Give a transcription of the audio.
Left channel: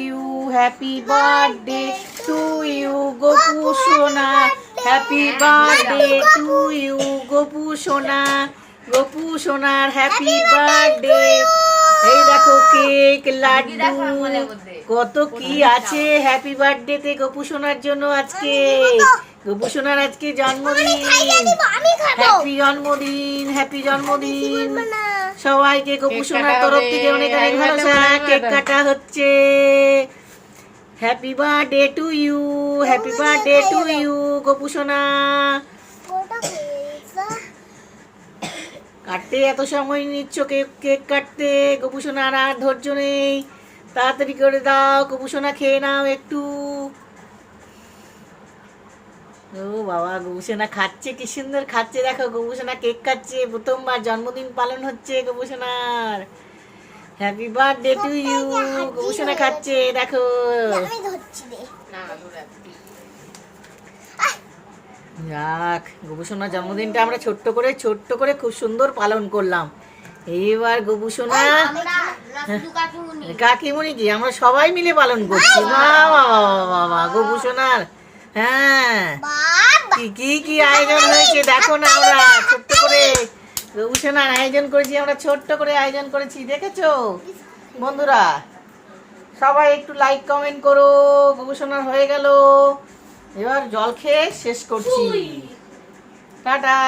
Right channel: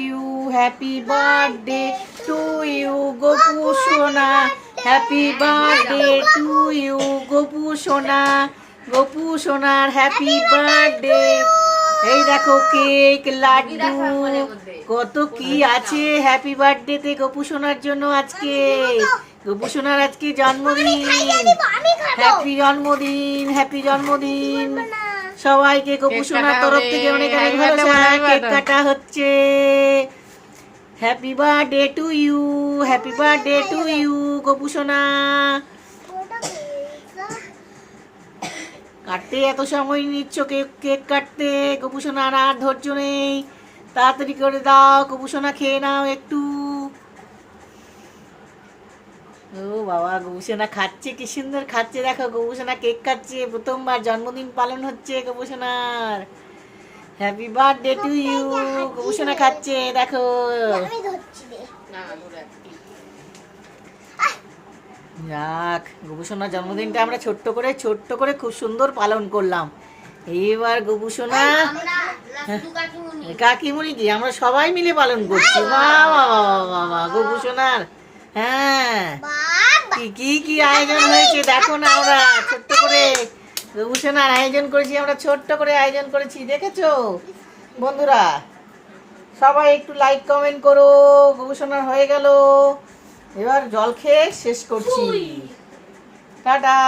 You happy birthday to you Gopu সোনা happy birthday to you Gopu সোনা গপু সোনার happy birthday এই দেখো কেক লাড্ডু। কত কি আছে হ্যাপি বার্থডেতে গপু সোনার জন্য আজকে। গপু সোনার আজকে জন্মদিন। হ্যাপি জন্মদিন হ্যাপি জন্মদিন। সবাইকে গপু তরফ থেকে অনেক অনেক ভালোবাসা কেক কাটা হচ্ছে। Happy birthday to you happy birthday to you কপুসোনা কাটতে এত সময় নিচ্ছ কেক কেক কাটতে? কপুসোনার আর ধৈর্য নেই। তাড়াতাড়ি করে দাও কপুসোনা খেয়ে নাও একটু। ও বাবা গবুসোনা খাচ্ছে কি সুন্দর খাচ্ছে দেখো গবুসোনা কেক খাচ্ছে প্রথমবার জন্মদিন পালন হচ্ছে গবুসোনার। হ্যাপি বার্থডে টু ইউ গবুসোনা খাচ্ছে দেখো। যাক গবুসোনার জন্মদিনটা আমরা ছোট্ট করে ছোট্ট করে খুব সুন্দর পালন করলাম। এইবার গবুসোনা কাকিমণি কি আমরা সবাই মিলে পালন করছি। বাবা বাবা বাবা গবুসোনার হ্যাঁ। কি কি কি আয়োজন হয়েছে? দেখো না আমরা ছোট্ট করে। রঘুসেনার আয়োজন করেছি আমরা ছোট্ট করে আয়োজন করেছি দেখেছ? বন্ধুরা সবাই একটু লাইক কমেন্ট করো। গবেষণার হয়ে গেল। এবার জল খেয়ে শেষ করছি। টাটা।